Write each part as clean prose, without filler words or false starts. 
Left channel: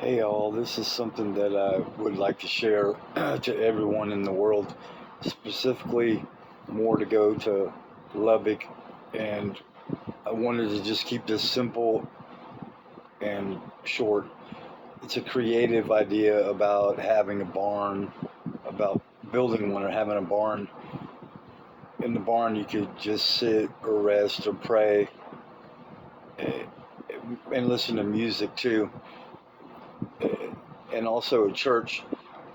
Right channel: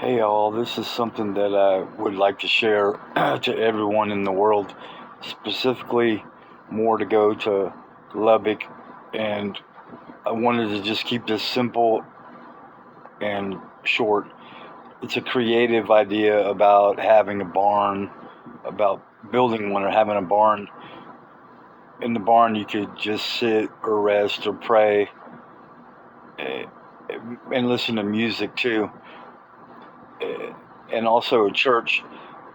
Hey all, this is something that I would like to share to everyone in the world, specifically more to go to Lubbock, and I wanted to just keep this simple and short. It's a creative idea about having a barn, about building one or having a barn. In the barn, you could just sit or rest or pray eh, and listen to music too, eh, and also a church.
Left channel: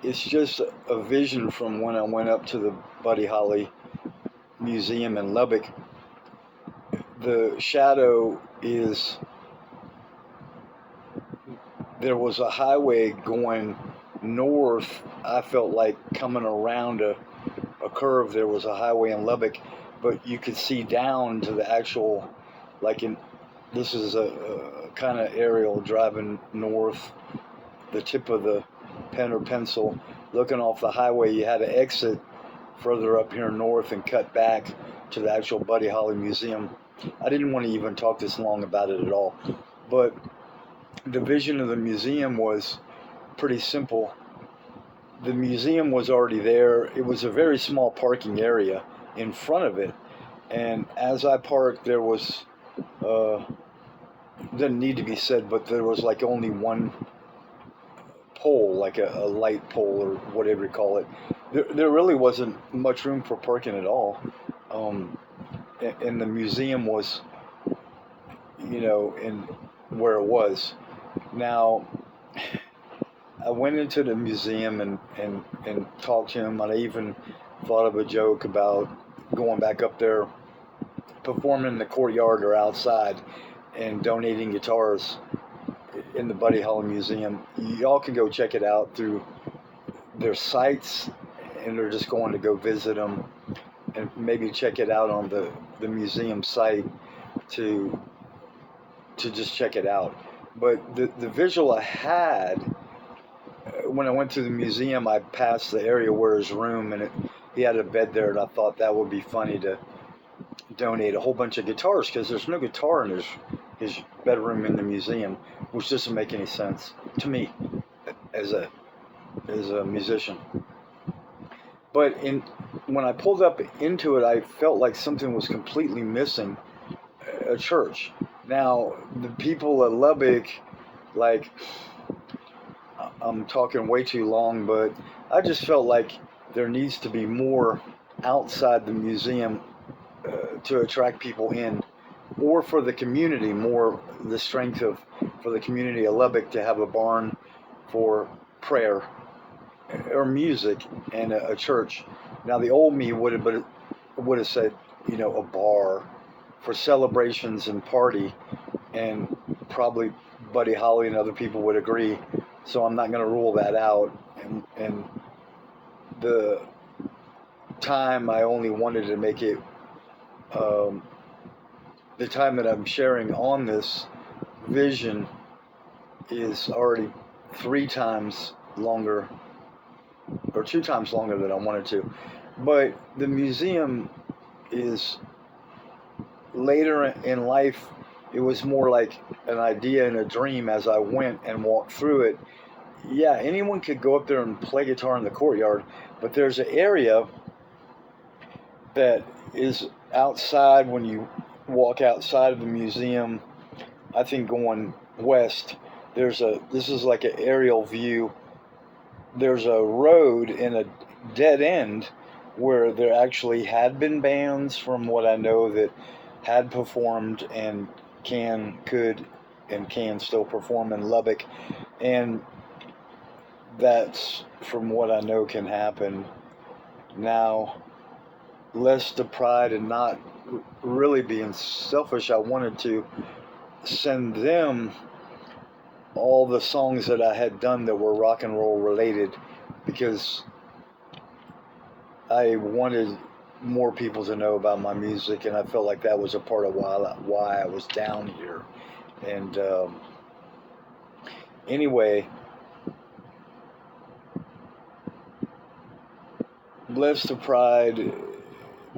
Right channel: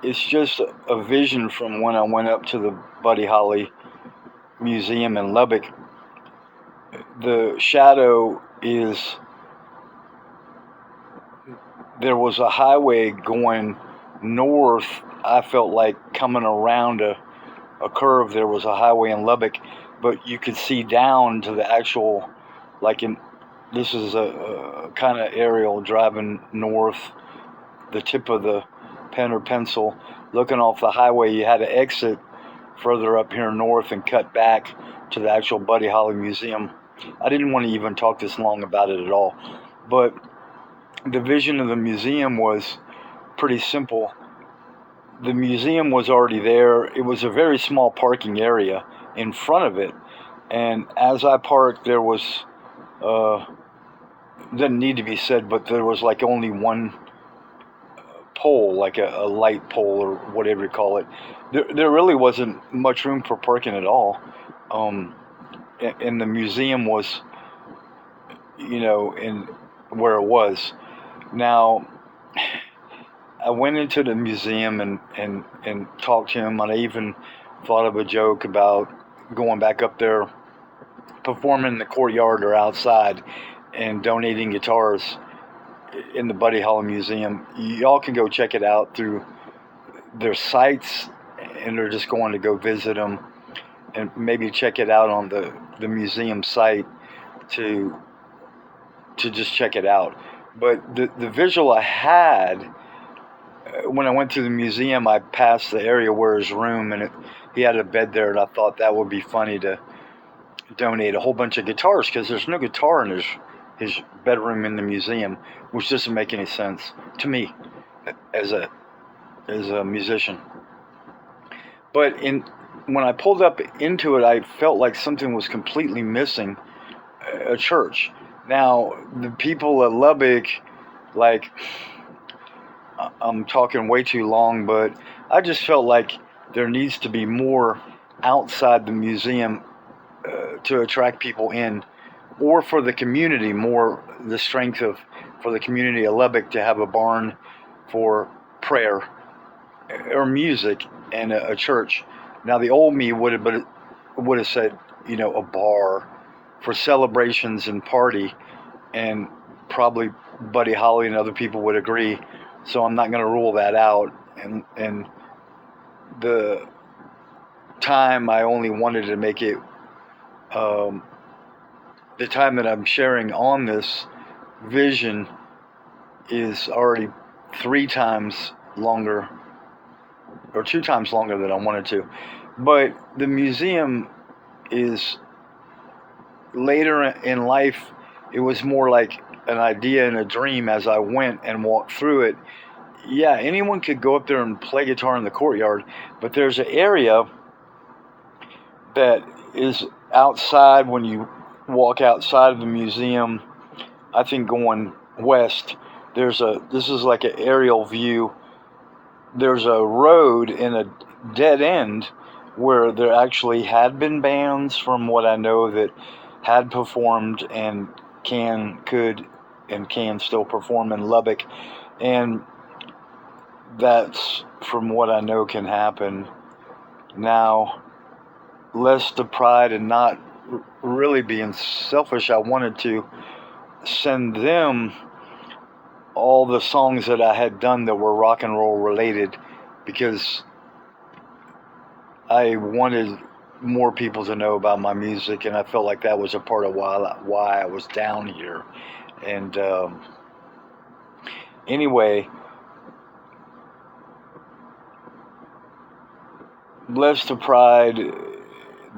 It's just a vision from when I went up to the Buddy Holly Museum in Lubbock. The shadow is there was a highway going north. I felt like coming around a curve. There was a highway in Lubbock, but you could see down to the actual, like in, this is a kind of aerial driving north, the tip of the pen or pencil, looking off the highway. You had to exit further up here north and cut back to the actual Buddy Holly Museum. I didn't want to even talk this long about it at all, but the vision of the museum was pretty simple. The museum was already there. It was a very small parking area in front of it, and as I parked, there was didn't need to be said, but there was like only one pole, like a light pole or whatever you call it. There really wasn't much room for parking at all. Um, and the museum was, in where it was. Now, I went into the museum and talked to him, and I even thought of a joke about going back up there, performing in the courtyard or outside, and donating guitars in the Buddy Holly Museum. Y'all can go check it out through their sites, and they're just going to go visit them and maybe check it out on the museum site to just check it out. But the visual I had when I went to the museum, I passed the area where his room, and he had a bed there, and I thought that would be funny to donate a whole bunch of guitars because there's no guitar in his bedroom in the museum, which doesn't make any sense to me as a musician. But when I pulled up into it, I felt like something was completely missing. A church. Now the people at Lubbock, like, I'm talking way too long, but I just felt like there needs to be more outside the museum to attract people in, or for the community, more the strength of for the community of Lubbock to have a barn for prayer or music and a church. Now the old me would have said, a bar for celebrations and party, and probably Buddy Holly and other people would agree. So I'm not going to rule that out. And the time I only wanted to make it, the time that I'm sharing on this vision is already 3 times longer, or 2 times longer than I wanted to. But the museum is later in life. It was more like an idea and a dream as I went and walked through it. Yeah, anyone could go up there and play guitar in the courtyard, but there's an area that is outside when you walk outside of the museum. I think going west, this is like an aerial view. There's a road in a dead end where there actually had been bands, from what I know, that had performed and could and can still perform in Lubbock, and that's, from what I know, can happen now. Less the pride and not really being selfish, I wanted to send them all the songs that I had done that were rock and roll related, because I wanted more people to know about my music, and I felt like that was a part of why I was down here. And anyway, less to pride,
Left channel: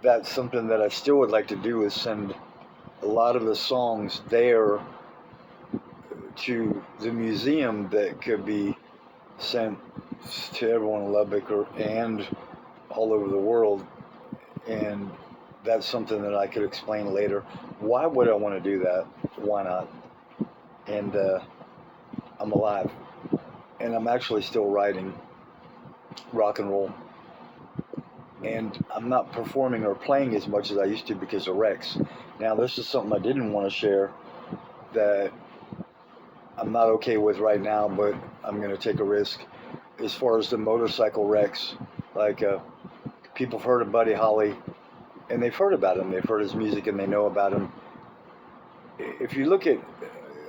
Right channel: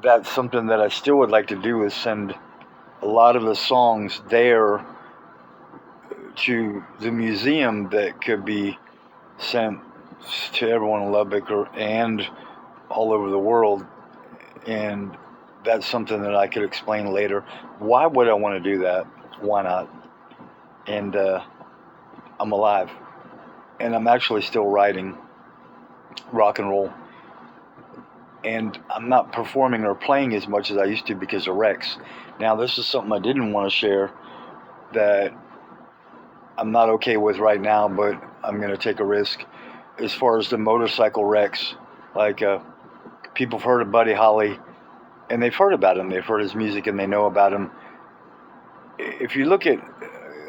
that's something that I still would like to do, is send a lot of the songs there to the museum that could be sent to everyone in Lubbock and all over the world. And that's something that I could explain later. Why would I want to do that? Why not? And I'm alive. And I'm actually still writing rock and roll. And I'm not performing or playing as much as I used to because of wrecks. Now, this is something I didn't want to share that I'm not okay with right now, but I'm going to take a risk. As far as the motorcycle wrecks, like people have heard of Buddy Holly, and they've heard about him. They've heard his music, and they know about him. If you look at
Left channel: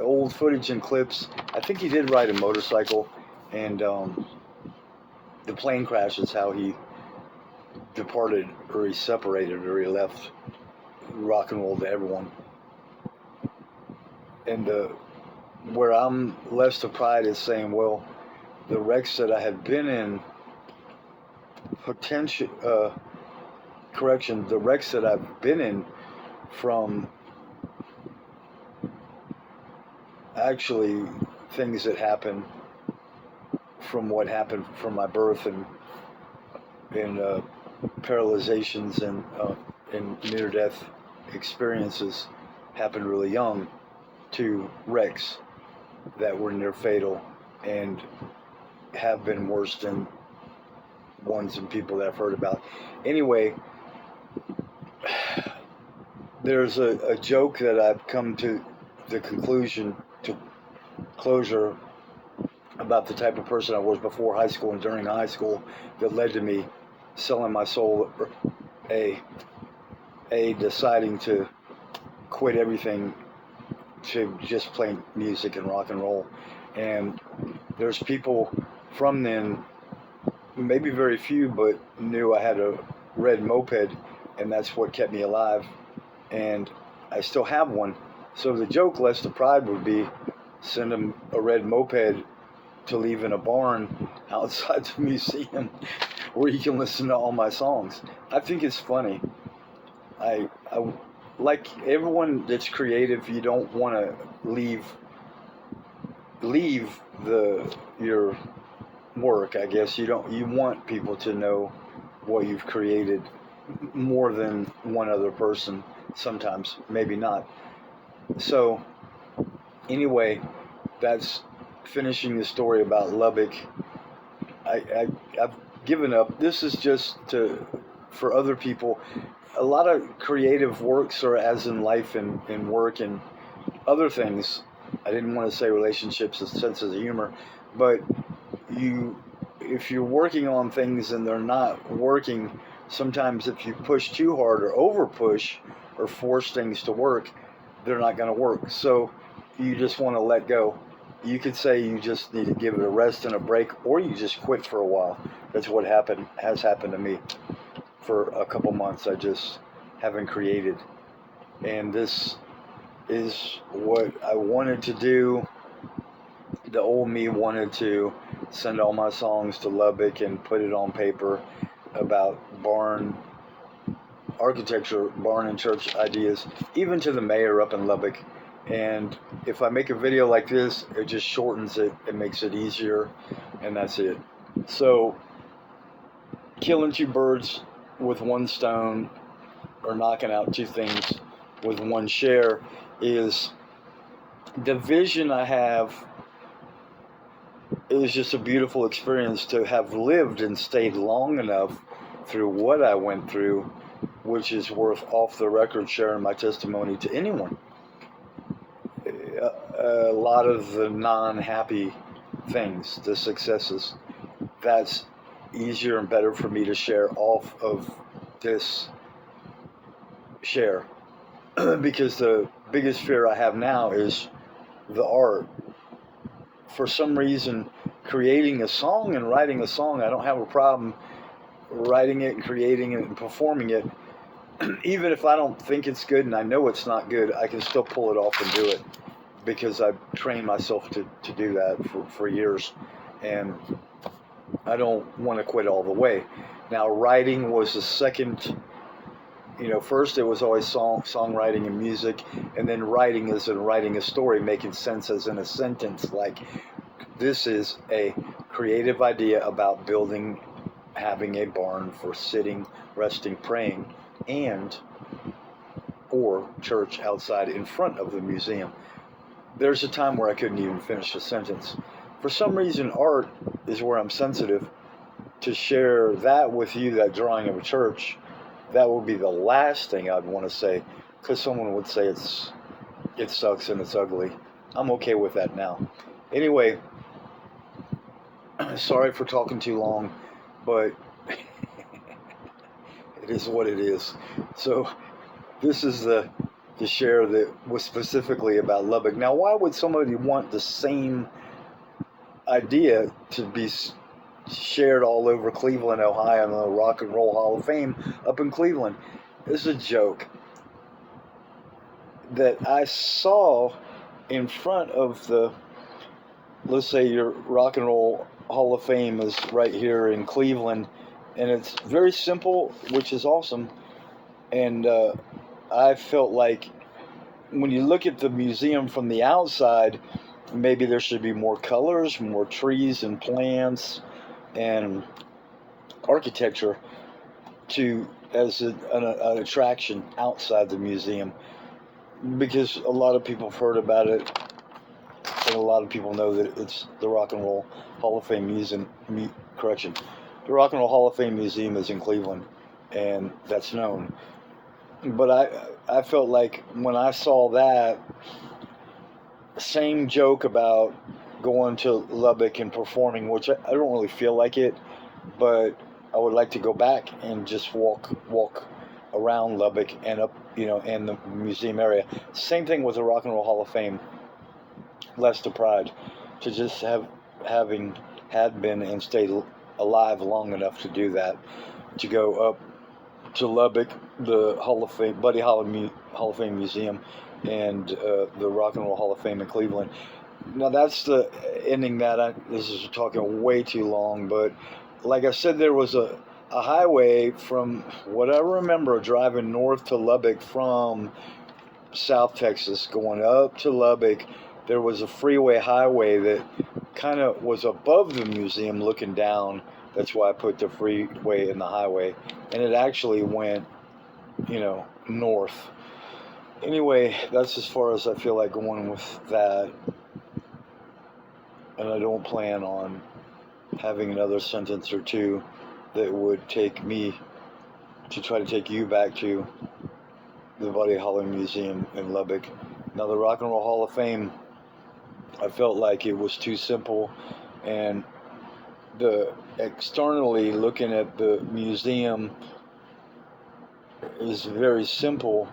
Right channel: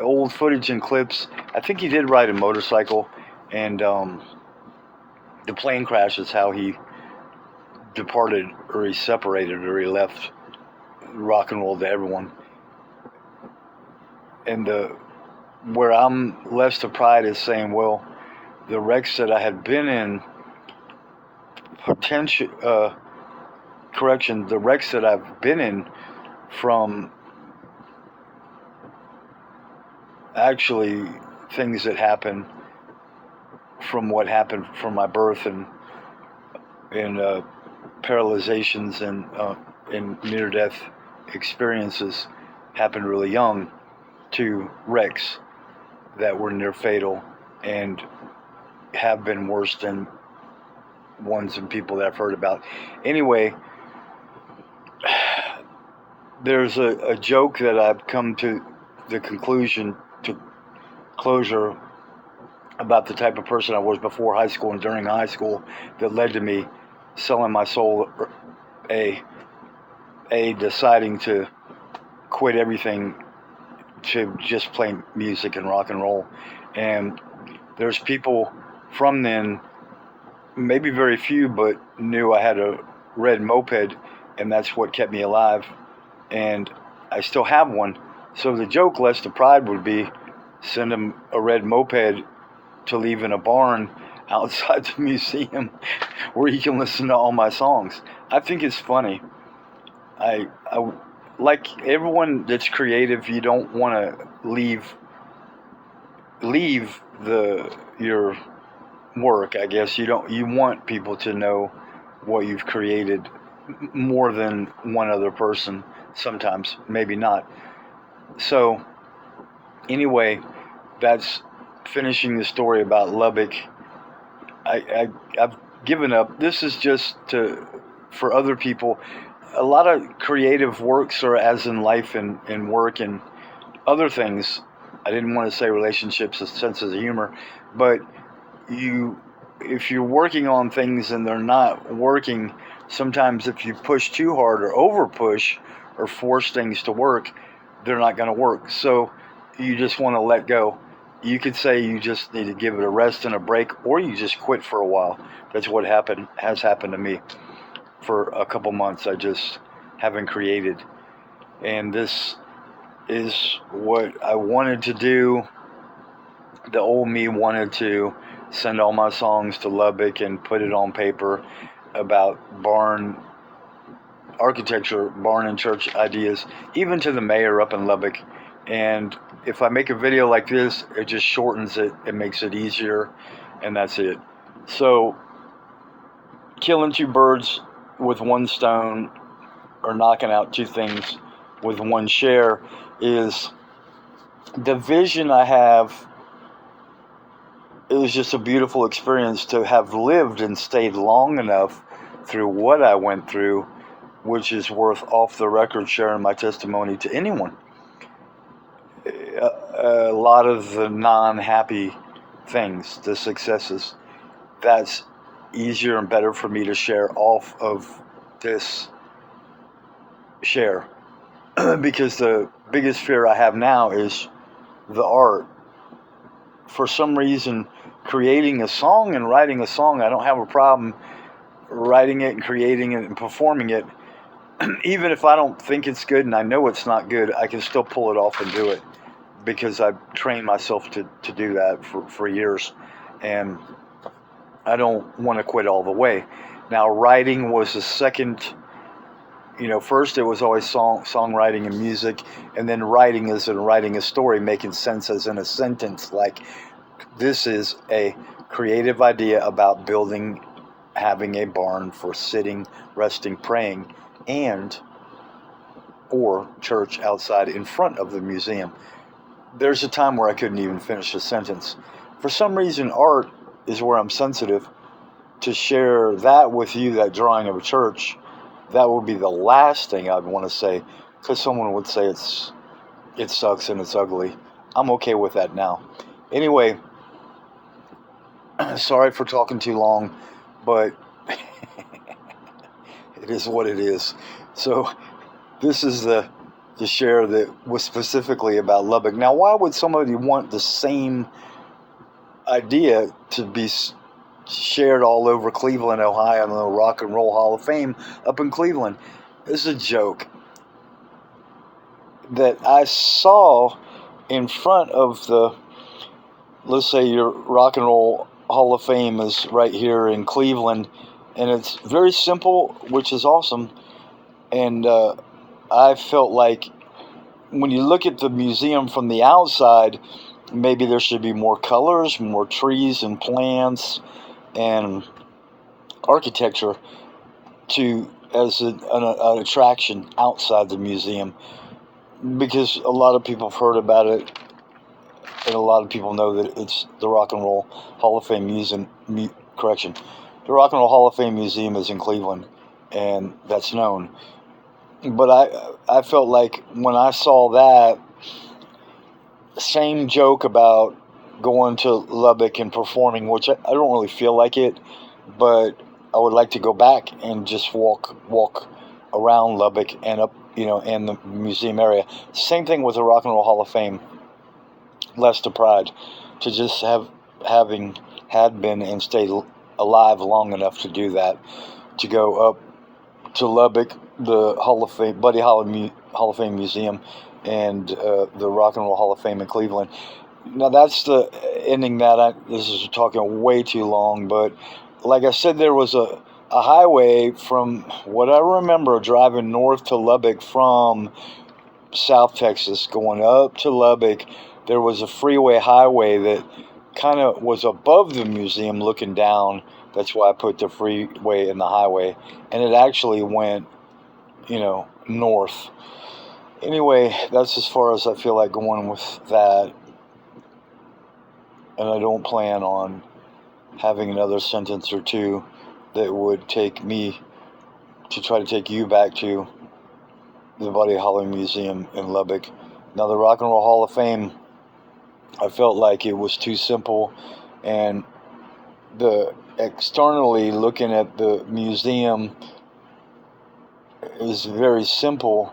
old footage and clips, I think he did ride a motorcycle, and the plane crash is how he departed, or he separated, or he left rock and roll to everyone. And where I'm less to pride is saying, well, the wrecks that I had been in, the wrecks that I've been in from actually things that happened from what happened from my birth and paralyzations and near-death experiences happened really young, to wrecks that were near fatal and have been worse than ones and people that I've heard about. Anyway, there's a joke that I've come to the conclusion, to closure, about the type of person I was before high school and during high school that led to me selling my soul, deciding to quit everything to just play music and rock and roll. And there's people from then, maybe very few, but knew I had a red moped, and that's what kept me alive. And I still have one. So the joke, less to pride, would be send him a red moped to leave in a barn outside the museum where he can listen to all my songs. I think it's funny. I like everyone that's creative, you don't want to leave your work, I guess. You want people to know what you've created more than one other person. Sometimes, maybe not. So anyway, that's finishing the story about Lubbock. I've given up. This is just for other people. A lot of creative works are as in life and work and other things. I didn't want to say relationships as senses of humor, but if you're working on things and they're not working, sometimes if you push too hard or over push or force things to work, they're not going to work. So you just want to let go. You could say you just need to give it a rest and a break, or you just quit for a while. That's what has happened to me. For a couple months, I just haven't created. And this is what I wanted to do. The old me wanted to send all my songs to Lubbock and put it on paper about barn architecture, barn and church ideas, even to the mayor up in Lubbock. And if I make a video like this, it just shortens it, it makes it easier, and that's it. So killing two birds with one stone, or knocking out two things with one share, is the vision I have. It was just a beautiful experience to have lived and stayed long enough through what I went through, which is worth off the record sharing my testimony to anyone. A lot of the non-happy things, the successes, that's easier and better for me to share off of this share. Because the biggest fear I have now is the art. For some reason, creating a song and writing a song, I don't have a problem writing it and creating it and performing it. Even if I don't think it's good and I know it's not good, I can still pull it off and do it, because I've trained myself to do that for years, and I don't want to quit all the way. Now, writing was the second first it was always songwriting and music, and then writing is in writing a story, making sense as in a sentence. Like, this is a creative idea about having a barn for sitting, resting, praying, and or church outside in front of the museum. There's a time where I couldn't even finish a sentence. For some reason, art is where I'm sensitive. To share that with you, that drawing of a church, that would be the last thing I'd want to say, because someone would say it sucks and it's ugly. I'm okay with that now. Anyway, sorry for talking too long, but it is what it is. So this is the share that was specifically about Lubbock. Now, why would somebody want the same idea to be shared all over Cleveland, Ohio, and the Rock and Roll Hall of Fame up in Cleveland? This is a joke that I saw in front of the, let's say your Rock and Roll Hall of Fame is right here in Cleveland, and it's very simple, which is awesome. And I felt like when you look at the museum from the outside, maybe there should be more colors, more trees and plants and architecture as an attraction outside the museum, because a lot of people have heard about it, and a lot of people know that it's the Rock and Roll Hall of Fame Museum. Correction, the Rock and Roll Hall of Fame Museum is in Cleveland, and that's known. But I felt like when I saw that, same joke about going to Lubbock and performing, which I don't really feel like it, but I would like to go back and just walk around Lubbock and up, in the museum area. Same thing with the Rock and Roll Hall of Fame. Less to pride, to just had been and stayed alive long enough to do that, to go up to Lubbock, the Hall of Fame, Buddy Holly Hall of Fame Museum, and the Rock and Roll Hall of Fame in Cleveland. Now that's the ending that this is talking way too long, but like I said, there was a highway from what I remember driving north to Lubbock from South Texas, going up to Lubbock. There was a freeway highway that kind of was above the museum looking down. That's why I put the freeway in the highway. And it actually went, north. Anyway, that's as far as I feel like going with that. And I don't plan on having another sentence or two that would take me to try to take you back to the Buddy Holly Museum in Lubbock. Now, the Rock and Roll Hall of Fame, I felt like it was too simple, and externally looking at the museum is very simple,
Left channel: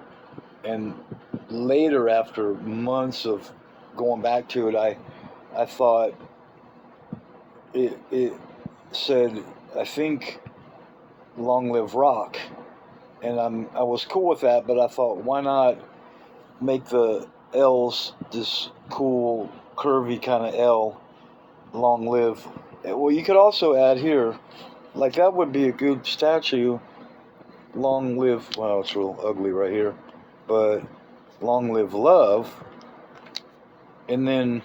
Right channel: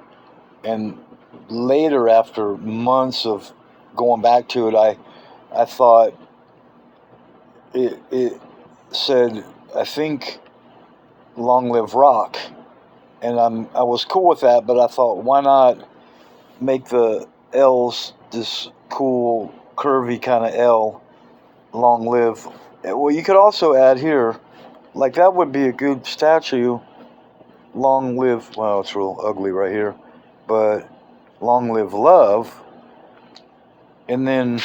and later, after months of going back to it, I thought it said, I think, "Long Live Rock," and I was cool with that, but I thought, why not make the L's this cool curvy kind of L, "Long Live." Well, you could also add here, like, that would be a good statue, "Long Live," well, it's real ugly right here, but "Long Live Love." And then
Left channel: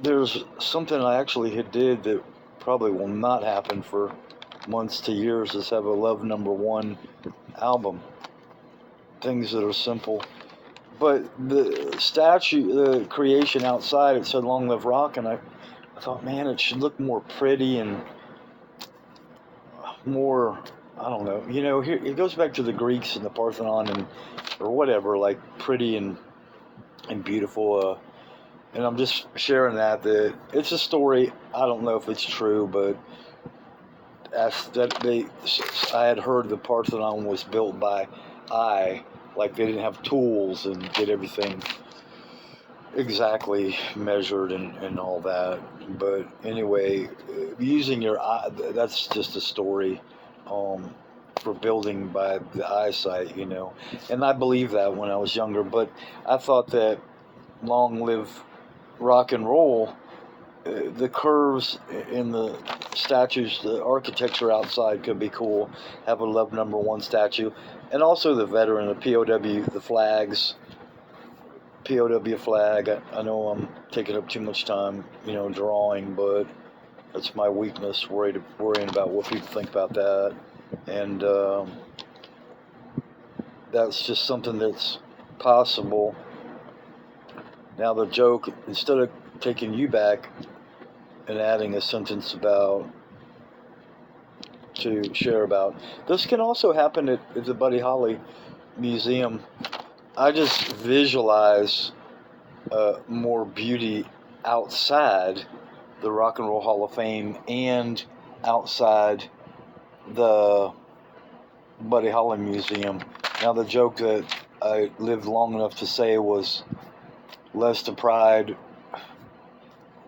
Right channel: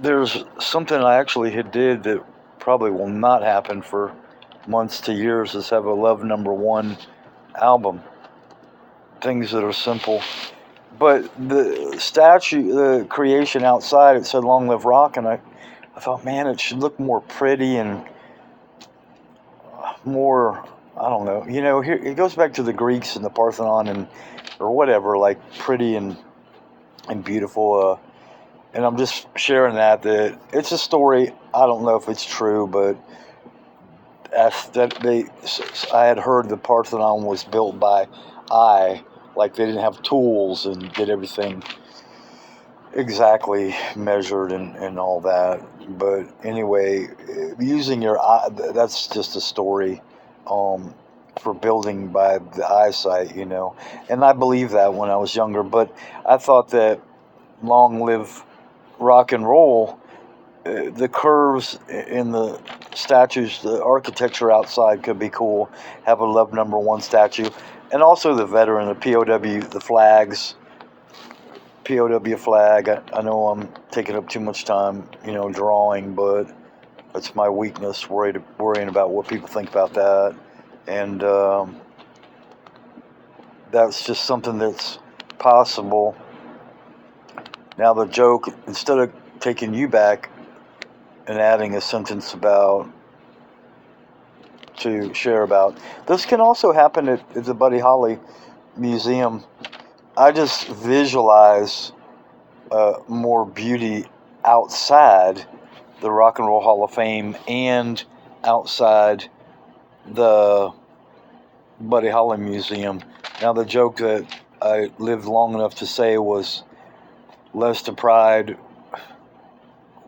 there's something I actually did that probably will not happen for months to years, is have a Love #1 album. Things that are simple. But the statue, the creation outside, it said "Long Live Rock," and I thought, man, it should look more pretty and more, I don't know. Here it goes back to the Greeks and the Parthenon or whatever, like pretty and beautiful. And I'm just sharing that it's a story. I don't know if it's true, but I had heard the Parthenon was built by like they didn't have tools and get everything exactly measured and all that. But anyway, using your eye, that's just a story for building by the eyesight, and I believe that when I was younger. But I thought that "Long Live Rock and Roll" the curves in the statues, the architecture outside could be cool. Have a Love Number One statue, and also the veteran, the POW, the flags, POW flag. I know I'm taking up too much time, drawing, but that's my weakness. Worrying about what people think about that, and that's just something that's possible. Now the joke, instead of taking you back and adding a sentence about to share about, this can also happen at the Buddy Holly Museum. I just visualize more beauty outside the Rock and Roll Hall of Fame and outside the Buddy Holly Museum. Now the joke that I lived long enough to say was, less to pride,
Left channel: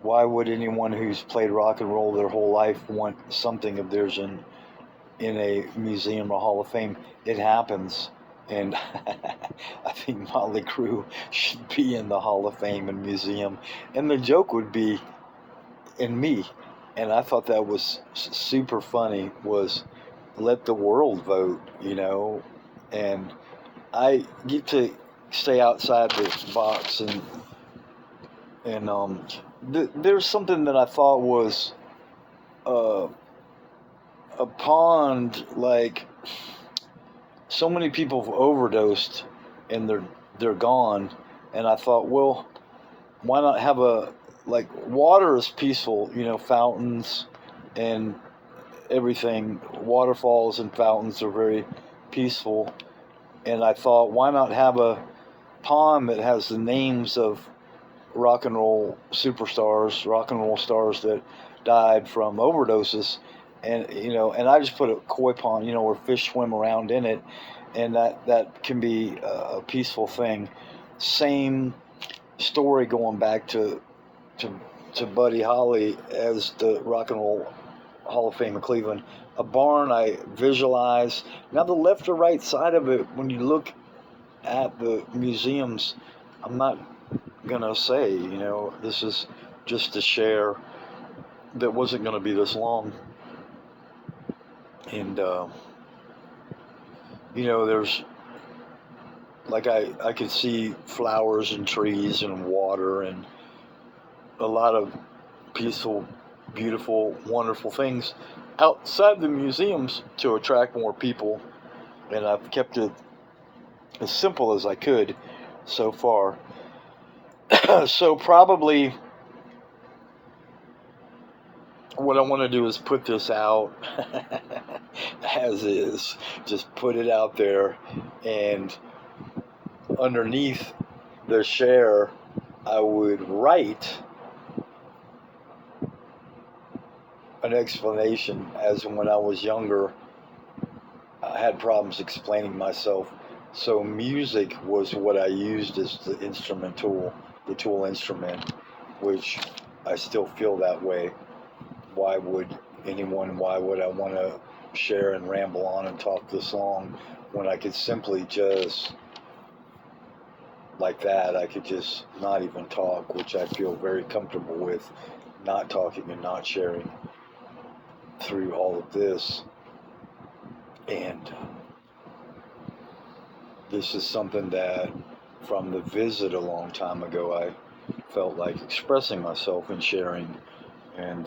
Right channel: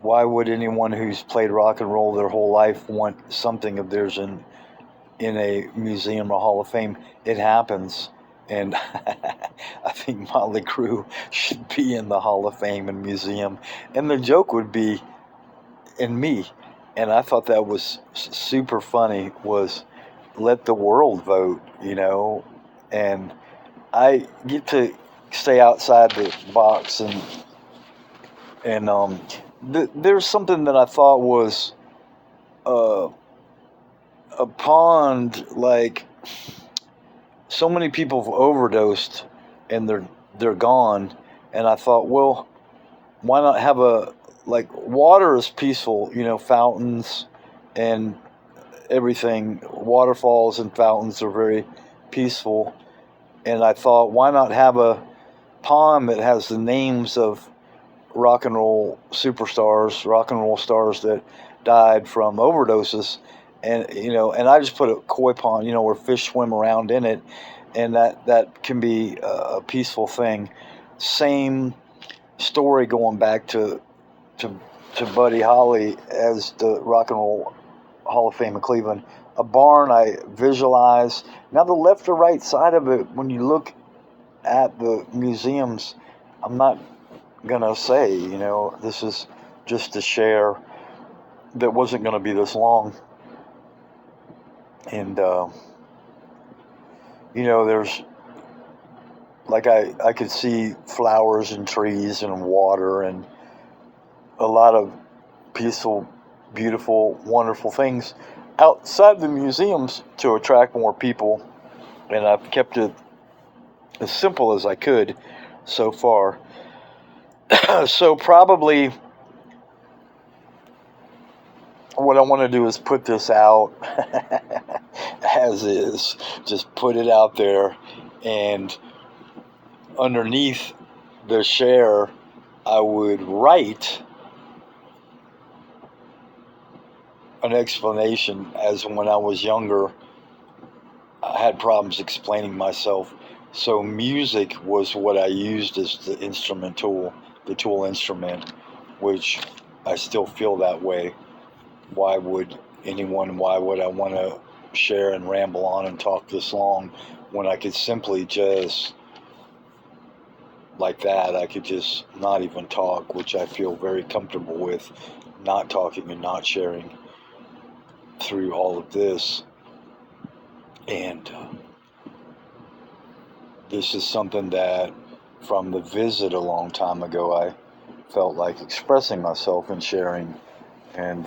why would anyone who's played rock and roll their whole life want something of theirs in a museum or Hall of Fame? It happens, and I think Motley Crue should be in the Hall of Fame and museum. And the joke would be in me, and I thought that was super funny, was let the world vote, and I get to stay outside the box, and there's something that I thought was a pond, like so many people have overdosed and they're gone, and I thought, well, why not have water is peaceful, fountains and everything, waterfalls and fountains are very peaceful, and I thought, why not have a pond that has the names of rock and roll superstars, rock and roll stars that died from overdoses, and and I just put a koi pond, where fish swim around in it, and that can be a peaceful thing. Same story going back to Buddy Holly as the Rock and Roll Hall of Fame in Cleveland. A barn I visualize. Now the left or right side of it, when you look at the museums, I'm not gonna say, this is just to share, that wasn't gonna be this long. And there's I could see flowers and trees and water and a lot of peaceful, beautiful, wonderful things outside the museums to attract more people, and I've kept it as simple as I could so far. So probably what I want to do is put this out as is, just put it out there, and underneath the share I would write an explanation, as when I was younger I had problems explaining myself, so music was what I used as the tool instrument, which I still feel that way. Why would I want to share and ramble on and talk this long when I could simply just, like that, I could just not even talk, which I feel very comfortable with, not talking and not sharing through all of this. And this is something that from the visit a long time ago I felt like expressing myself and sharing, and